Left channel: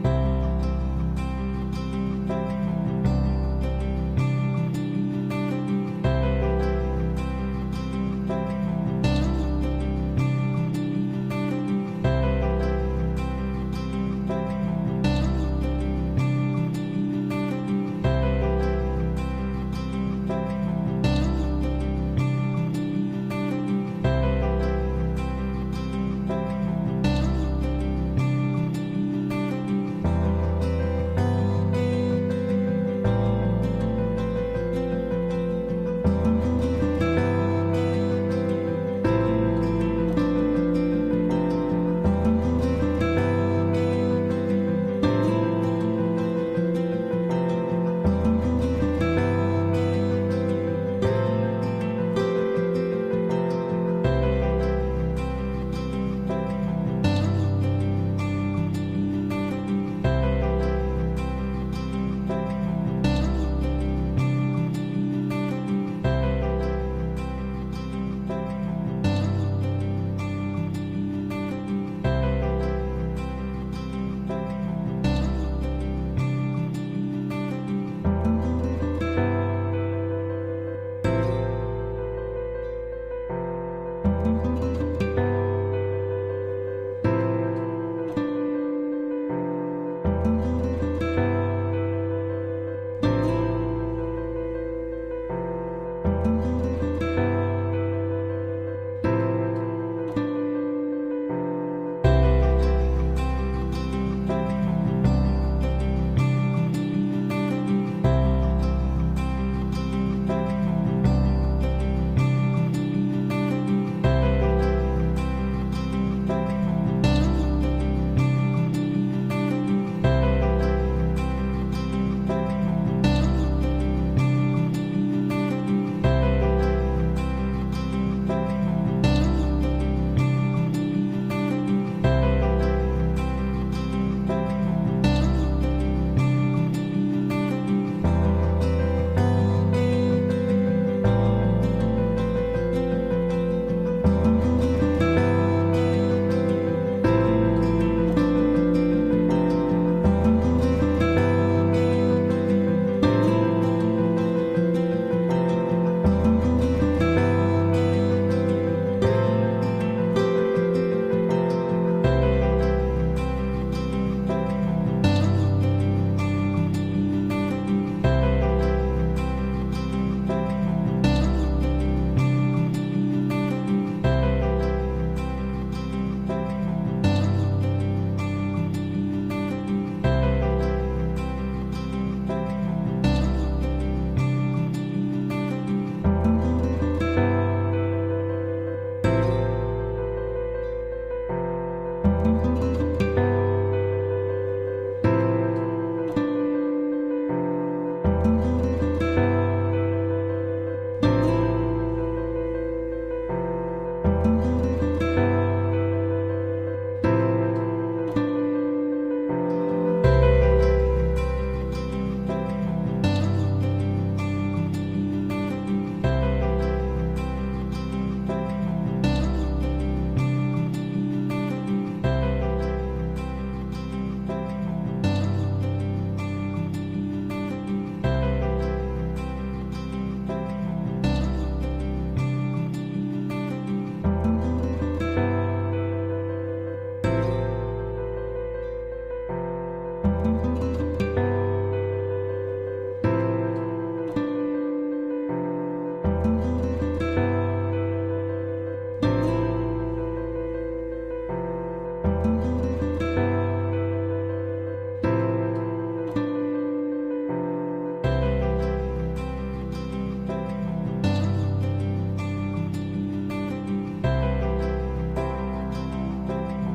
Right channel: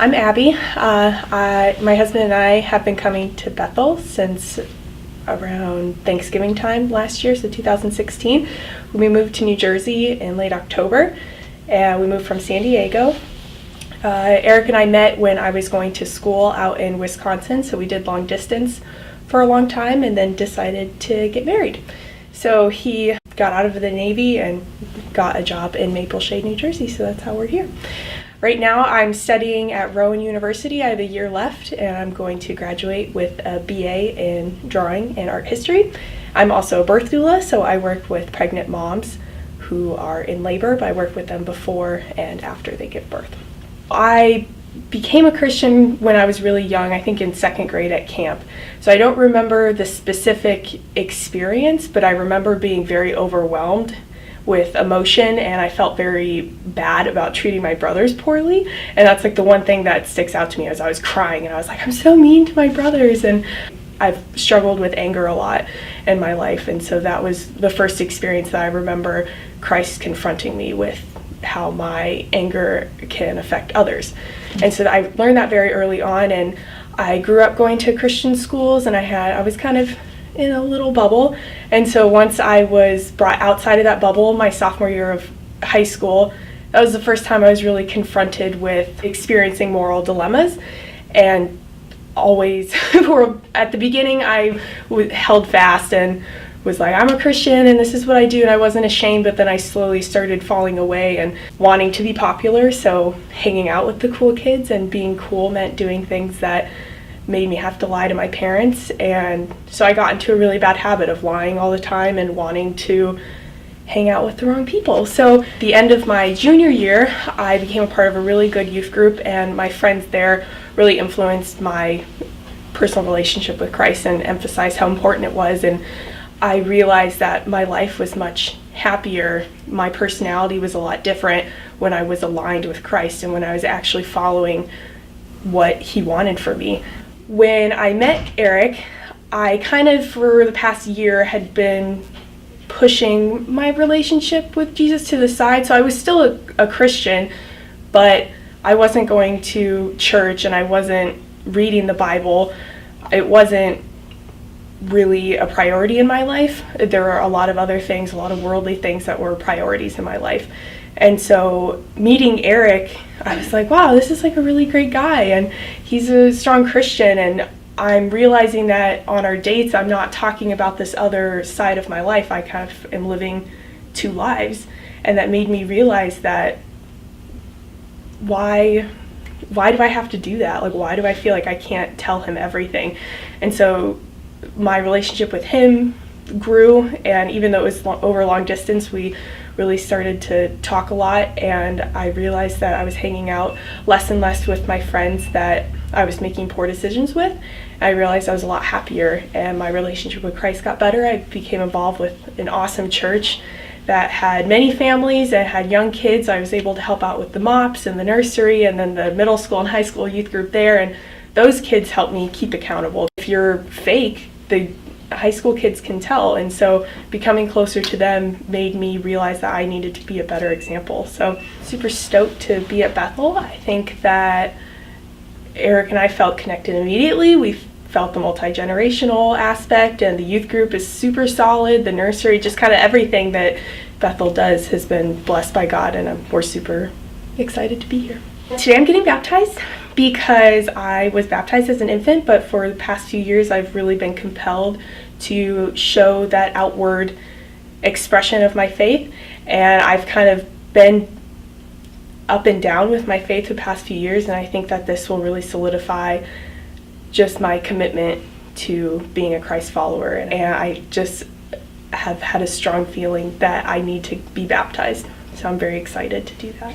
I'm Abby. My husband and I have been coming to Bethel since around Thanksgiving time last year, so 2016. We moved to New Jersey in late October, and we moved from San Diego. Eric and I met when I was going to school out in Wisconsin, so we did long distance for a long time and then decided to get married. So he got out of the Navy and got a job in Maple Shade, New Jersey, so that's how we're here. Right now I'm studying at Rowan University. I have a year left and I'm going to graduate with a BA in drawing and art history. I'm also a birth doula, so I work with pregnant moms who are in labor, but I work with them before and after they give birth. I became a Christian when I was really young, I think in second grade at camp. So I don't remember the specific experience, but I remember being very overwhelmed with emotion, and I felt very bad about treating my brothers poorly. And that's like the one thing that sticks out to me as I was crying, and I was like, I'm so mean to my brothers. And I've struggled with anger a lot in my life, and so that was the first experience that I remember Christ confronting me with how my anger can affect others. And so I learned that very early on, and I grew up going to Christian schools, and I was kind of in a little bubble. And so once I was brought outside of that bubble, my sophomore year of high school, that was the first time I was really confronted with experiencing moral dilemmas. And always, at the beginning, I held fast and was like, I'm a Christian and this is what I do, and I wasn't ashamed. But then I slowly started falling away and wanting to be popular, so hanging out with the cool kids and being cool meant doing things that made me have to lie to my parents. And so I got into a really bad habit of lying all the time and wanting to hang out with the wrong people. So the end of my junior year, I became a part of a really good youth group, and my friends there really influenced my personal relationship with Christ and emphasized how important it was. And I realized that my life was much happier. My personality was a lot different when I was aligned with Christ and when I was actually following what He wanted for me. When I met Eric, I kind of, for the past year, had been pushing my relationship with Jesus to the side. So I was still a Christian, but I wasn't going to church and I wasn't reading the Bible. It wasn't really a priority in my life. There were a lot of other things, a lot of worldly things that were priorities in my life. And so meeting Eric, I was like, wow, this is like a really great guy, and he's a strong Christian. And I'm realizing that on our dates, I'm not talking about this other side of my life. I kind of am living two lives. And that made me realize that why do I have to do that? Like, why do I feel like I can't tell him everything? And so my relationship with him grew, and even though it was over long distance, we really started to talk a lot, and I realized that I was hanging out less and less with my friends that I was making poor decisions with. I realized I was a lot happier, and my relationship with Christ got better. I became involved with an awesome church that had many families and had young kids. I was able to help out with the MOPS and the nursery, and then the middle school and high school youth group there, and those kids helped me keep accountable. If you're fake, the high school kids can tell, and so becoming closer to them made me realize that I needed to be a better example. So super stoked to be at Bethel. I think that Eric and I felt connected immediately. We felt the multi-generational aspect, and the youth group is super solid. The nursery, just kind of everything that Bethel does has been blessed by God, and we're super excited to be here. Today I'm getting baptized because I was baptized as an infant, but for the past few years I've really been compelled to show that outward expression of my faith, and I've kind of been up and down with my faith the past few years, and I think that this will really solidify just my commitment to being a Christ follower. And I just have had a strong feeling that I need to be baptized, so I'm very excited to do that.